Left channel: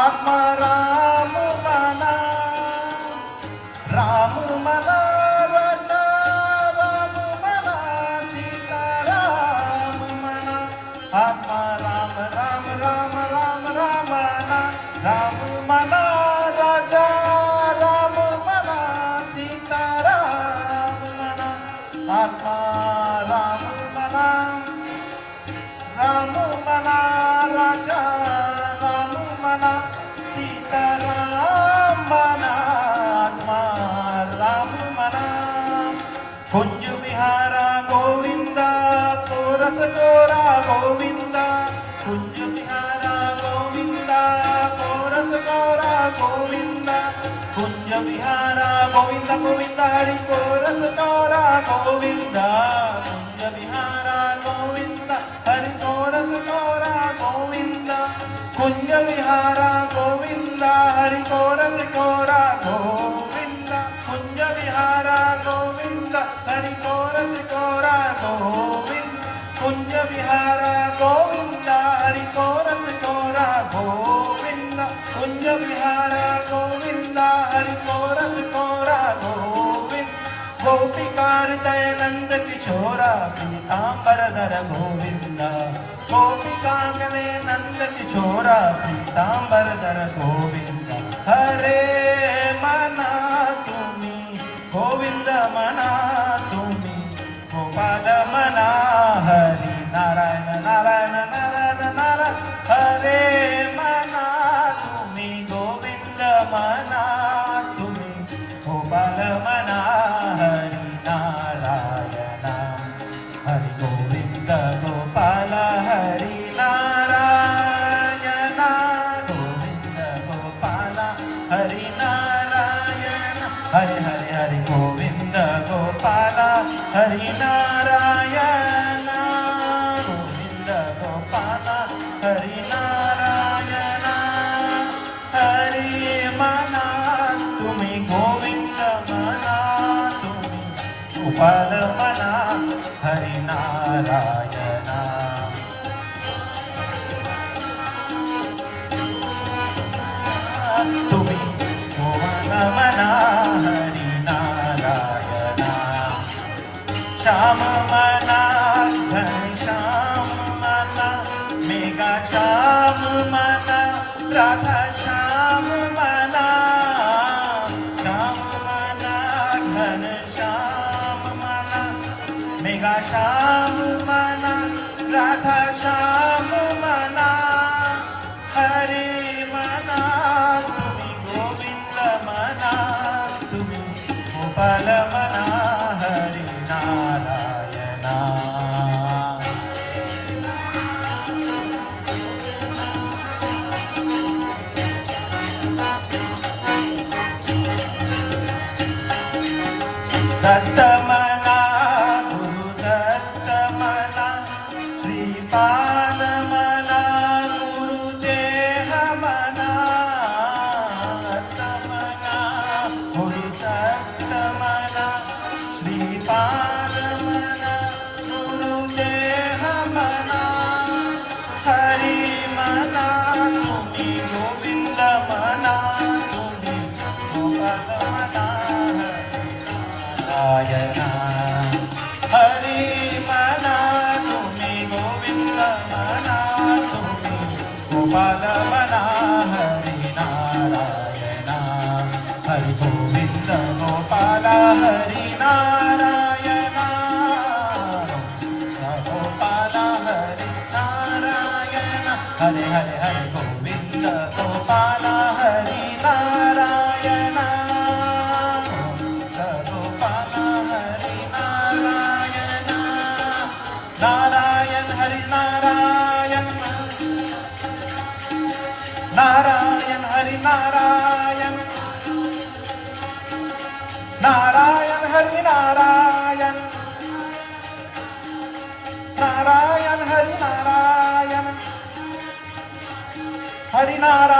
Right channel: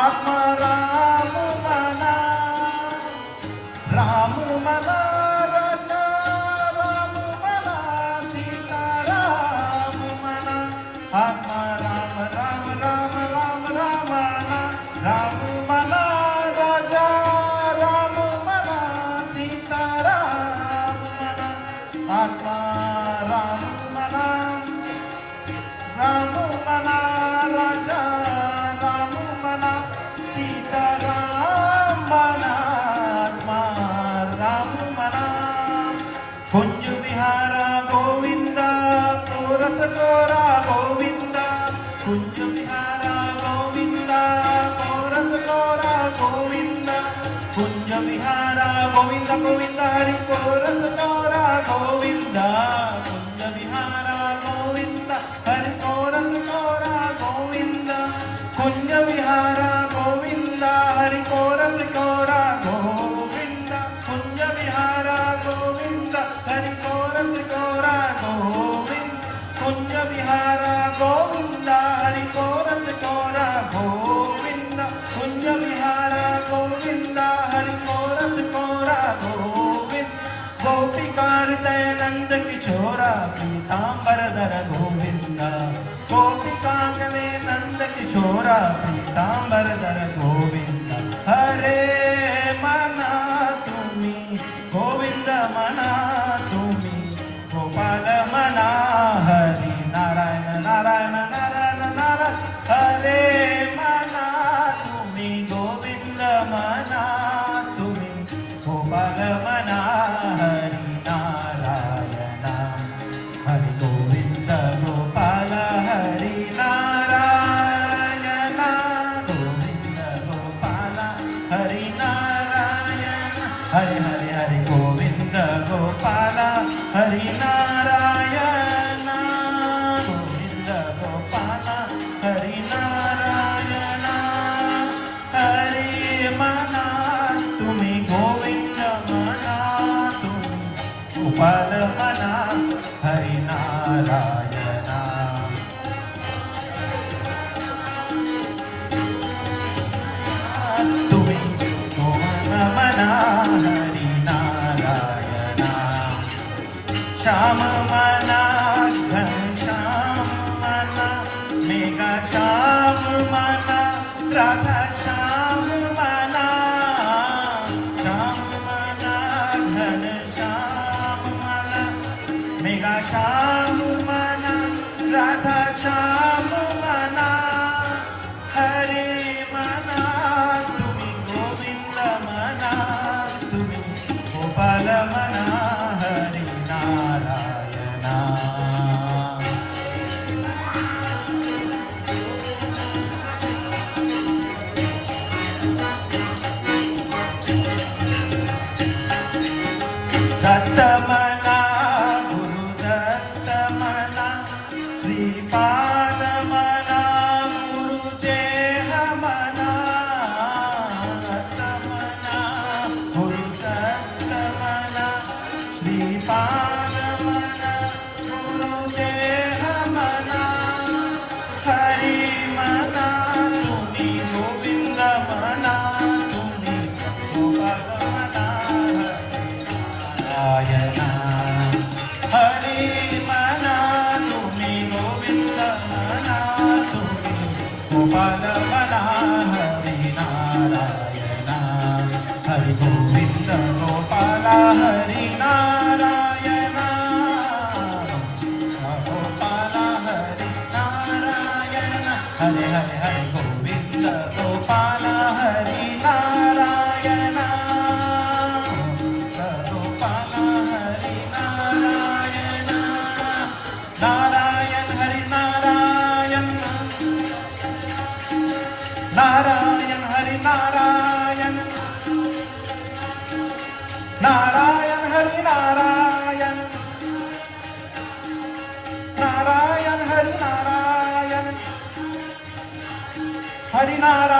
आत्मा राम मना, राम मना राजा, राम मना सीता, राम मना आत्मा राम राम राम राम राम मना, राम मना राजा, राम मना सीता, राम मना आत्मा राम मना, राम मना राजा, राम मना सीता, राम मना आत्मा राम मना कुंज विहारा गोविंदा पुरत गोरा गोविंदा, कुंज विहारा गोविंदा पुरत गोरा गोविंदा, कुंज विहारा गोविंदा गोविंदा हरि पुरत गोरा गोविंदा, कुंज विहारा गोविंदा हरि पुरत गोरा गोविंदा, कुंज विहारा गोविंदा हरि पुरत गोरा गोविंदा, कुंज विहारा गोविंदा हरि पुरत गोरा गोविंदा, कुंज विहारा गोविंदा हरि पुरत गोरा गोविंदा, कुंज विहारा गोविंदा हरि पुरत गोरा गोविंद, गोपिकार्तय नंद किशोरा पीतांबरधर गोविंदा, गोपिकांतले नंद किशोरा पीतांबरधर गोविंदा, हरे मना तुम्ही गोविंद मना तुम्ही, गोपाल मना हरी नारायण नारायण नारायण नारायण, हरे मना तुम्ही गोविंद मना तुम्ही, गोपाल मना हरी नारायण, हरि गोविंद गोपाल हरी नारायण, गोविंद गोपाल हरी नारायण, हरे हरे हरे गोविंद गोपाल हरी नारायण, गोविंद गोपाल हरी नारायण, हरे मना तुम्ही गोविंद मना तुम्ही, गोपाल मना हरी नारायण, तुम्ही गोपाल मना हरी नारायण, श्याम मना घनश्याम मना, मेघा श्याम मना राधा श्याम मना, श्याम मना घनश्याम मना, मेघा श्याम मना राधा श्याम मना, हरे मना तुम्ही गोविंद मना तुम्ही, गोपाल मना हरी नारायण, दत्त मना गुरु दत्त मना, श्रीपाद मना गुरुदेह मना, दत्त मना गुरु दत्त मना, श्रीपाद मना गुरुदेह मना, हरि मना तुम्ही गोविंद मना तुम्ही, गोपाल मना नारायण, हरि मना तुम्ही गोविंद मना तुम्ही, गोपाल मना हरि नारायण, हरि गोविंद गोपाल हरि नारायण, गोपाल हरि नारायण, हरे हरे हरे गोविंद गोपाल हरि नारायण, गोपाल हरि नारायण, नारायण हरि नारायण, नारायण हरि नारायण, नारायण हरि नारायण, नारायण हरि नारायण, हरि नारायण